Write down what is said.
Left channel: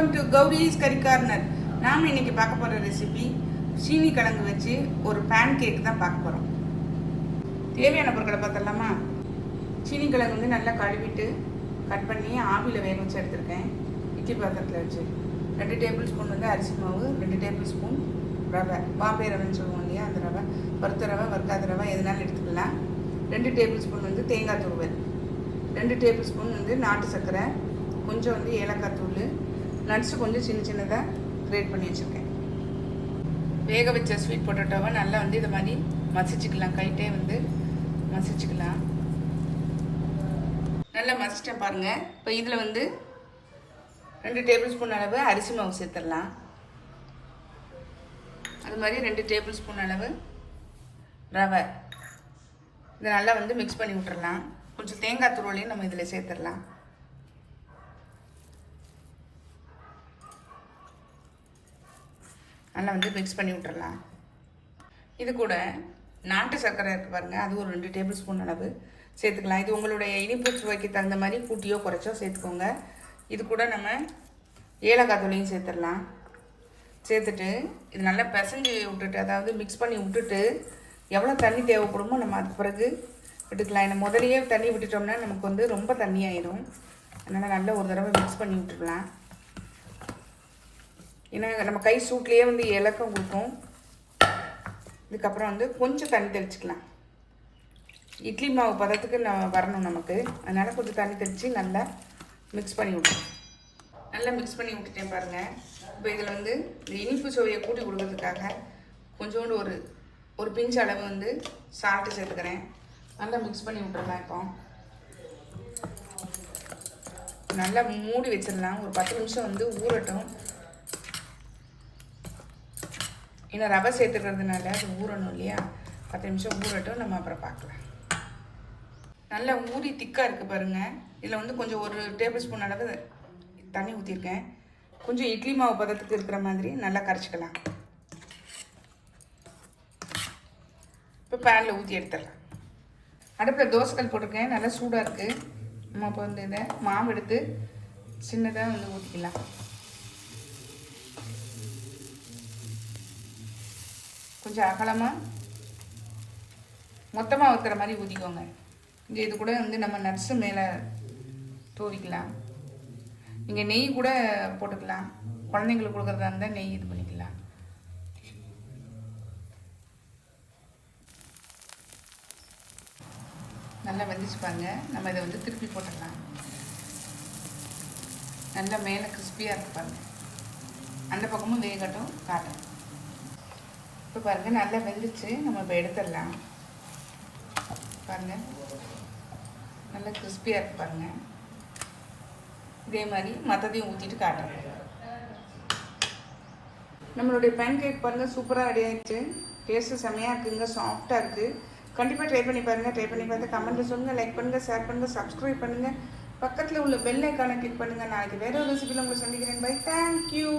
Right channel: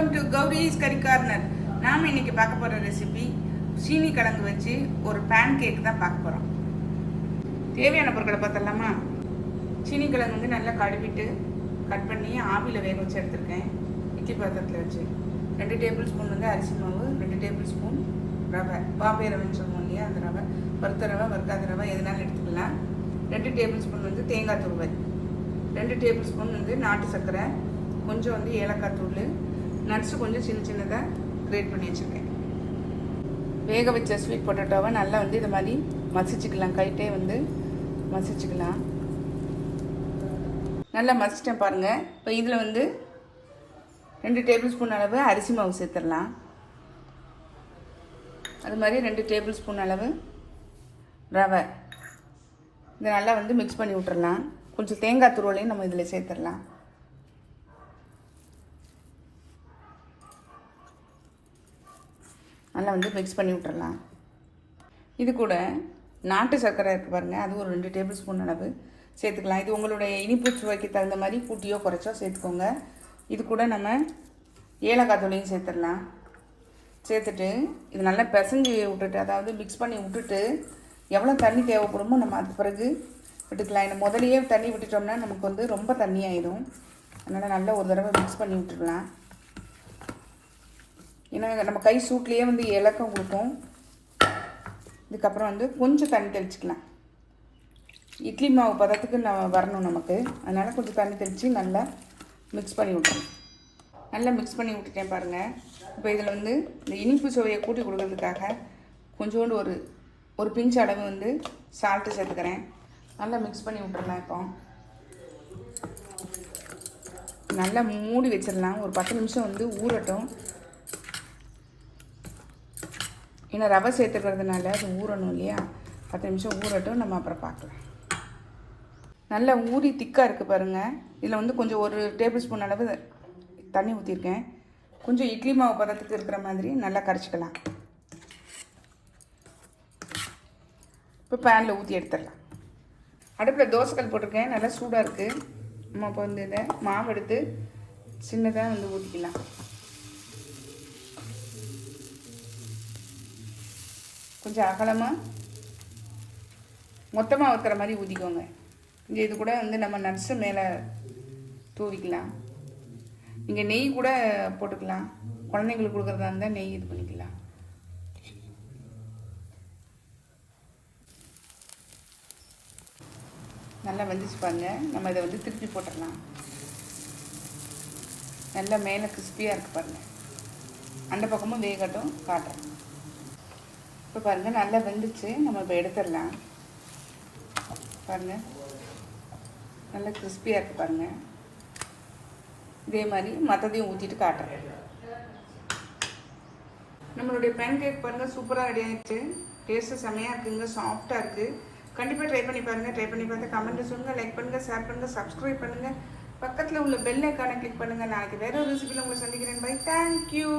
Welcome to Gowri's கறி corner. நாம் இன்னைக்கு பார்க்க போகிற ரெசிபி சீனி கிழங்கு வச்சு ஒரு பேன் கேக் தான் பார்க்க போகிறோம். தேவையான பொருட்களை பார்த்துடலாமா? சீனி கிழங்கு வந்து நல்லா கழுவிட்டு கட் பண்ணி ஆவியில் வேக வச்சு எடுத்துருக்கேன். இட்லி பாத்திரத்தில் வச்சு 2 டேபிள் ஸ்பூன் வந்து அரிசி மாவு, 2 டேபிள் ஸ்பூன் ரவை, பாம்பே ரவைன்னு சொல்லுவோம் இல்லையா, அந்த ரவை, வறுத்த ரவை, வறுக்காத ரவை எதுனாலும் எடுத்துக்கலாம். 2 டேபிள் ஸ்பூன் வந்து தேங்காய் துருவல், 2 டேபிள் ஸ்பூன் வந்து நாட்டு சர்க்கரை, கொஞ்சம் வந்து ஏலக்காய் தூள், நட்ஸு கொஞ்சம் சின்ன சின்னதாக கிரேட் பண்ணி வச்சுருக்கேன். வேக வச்ச ஸ்வீட் பொட்டேட்டோவை நல்லா வந்து இது மாதிரி மசிச்சுக்கலாம். கைட்டே வந்து மசிச்சுக்கலாம். நல்லா மசிச்சிட்டேன் பாருங்கள். இப்போ இதில் வந்து 2 டேபிள் ஸ்பூன் அளவு அரிசி மாவு சேர்த்துடலாம். அது மாதிரி 2 டேபிள் ஸ்பூன் அளவு ரவை. இதை நல்லா வந்து மிக்ஸ் பண்ணி விட்டுறலாம். கொஞ்சம் தேங்காய் துருவலையும் நம்ம இதில் சேர்த்துடலாம். நல்லா வந்து மிக்ஸ் பண்ணி விட்டுறலாம். இது கூட நாட்டு சர்க்கரை இருக்குது பாருங்கள், அது ஒரு 2 டேபிள் ஸ்பூன் அளவு சேர்த்துக்கலாம். இது உங்களுடைய இனிப்பு சுவைக்கு தகுந்த மாதிரி கூட்டியோ குறைச்சோ சேர்த்துக்கோங்க. இது கூட நம்ம ஏலக்காய் தூளையும் சேர்த்துடலாம். சேர்த்துட்டு இது நல்லா பிசைஞ்சு விட்டுட்டு, அதாவது மிக்ஸ் பண்ணி விட்டுட்டு எவ்வளோ தண்ணி தேவைப்படுமோ நம்ம அது பிறகு விட்டுக்கலாம். ஏன்னா முதலையே தண்ணி விட்டுட்டோம்னா நமக்கு வந்து ரொம்ப தண்ணி ஆயிடும். அதனால் நல்லா ஒரு தடவை மிக்ஸ் பண்ணி விட்டுக்கலாம். ஏன்னா நம்ம கை சூட்லேயே வந்து இலக்கம் கொடுக்கும். இதுக்கப்புறம் வந்து கொஞ்சம் தண்ணி தெளிச்சிக்கலாம். இட்லி மாவு பதத்துக்கு நம்ம வரணும் நமக்கு, அதனால் கொஞ்சம் தண்ணி தெளித்து நல்லா மிக்ஸ் பண்ணி விட்டோம். நல்லா மிக்ஸ் பண்ணி விட்டுட்டேன் பாருங்கள். இப்போ இதில் வந்து இந்த இனிப்பு சுவையை கூட்டி கொடுக்கறதுக்காக கொஞ்சோண்டு ஒரு பிஞ்ச் அளவு வந்து சால்ட்டு சேர்த்துக்கிறேன். நல்லா மிக்ஸ் பண்ணி விட்டுருக்கலாம். இப்போ நல்லா மூடி வச்சிடலாம். ஒரு 10 நிமிஷம் வந்து ஊறட்டும். ஏன்னா ரவை சேர்த்துக்கிறதுனால அது ஊறணும் இல்லையா, 10 நிமிஷம் ஊறட்டும். நம்ம அப்புறம் பார்க்கலாம். நல்லா ஊறி திக்காக இருக்குது பாருங்கள். இதில் வந்து கொஞ்சம் 1 டேபிள் ஸ்பூன் அளவு தண்ணி ஊற்றிருக்கேன். கொஞ்சம் இட்லி மாவு பதத்துக்கு இருக்கிற மாதிரி நல்லா கரைச்சிக்கலாம். இப்போ பேனில் ஊற்றி எடுத்துடலாம். அடுப்பில் தோசைக்கல் போட்டிருக்கேன், நல்லா சூடாக இருக்குது. நம்ம இப்போ வந்து இதை மாவு எடுத்து சின்னதாக வந்து ஊற்றிக்கலாம். கொஞ்சம் அகலமாக மொத்தமாக ஊற்றுற மாதிரி ஊற்றிக்கோங்க. இது கூட வந்து நம்ம நட்ஸு மேலே தூவிக்கலாம். நீங்கள் நெய் கூட போட்டுக்கலாம். குழந்தைங்களுக்கு கொடுக்குறதா இருந்தால் நெய் இது பண்ணிக்கலாம். நல்லா வெந்துச்சு பாருங்க. நம்ம இதை வந்து திருப்பி போட்டுடலாம். நல்லா மேலே கிறிஸ்பியாக இருக்கு பாருங்கள். அந்த பக்கமும் வேகட்டும் காட்டும். இப்போ பாருங்கள் நல்லா வெந்துச்சு. நம்ம இப்போ எடுத்துடலாம். பாருங்கள் நல்லா கிறிஸ்பியாக இருக்குது பாருங்கள். இதே மாதிரி மற்றதையும் ஊற்றிட்டு காட்டுறேன். நம்மளுடைய பேன் கேக் பாருங்கள் சூப்பராக ரெடி ஆகிடுச்சு. டேஸ்ட்டு செம்மையாக இருக்குங்க, சாஃப்டாக இருக்குது. கண்டிப்பாக ட்ரை பண்ணி பாருங்கள். ட்ரை பண்ணி பார்த்து கமெண்ட்டில் சொல்லுங்கள், லைக் பண்ணுங்கள், ஷேர் பண்ணுங்கள், சப்ஸ்கிரைப் பண்ணுங்கள், பக்கத்தில் உள்ள பெல் ஐக்கானை கிளிக் பண்ணுங்கள். நாளைக்கு வேறு ஒரு ரெசிபியில் உங்களை சந்திக்கிறேன். Bye, thank you.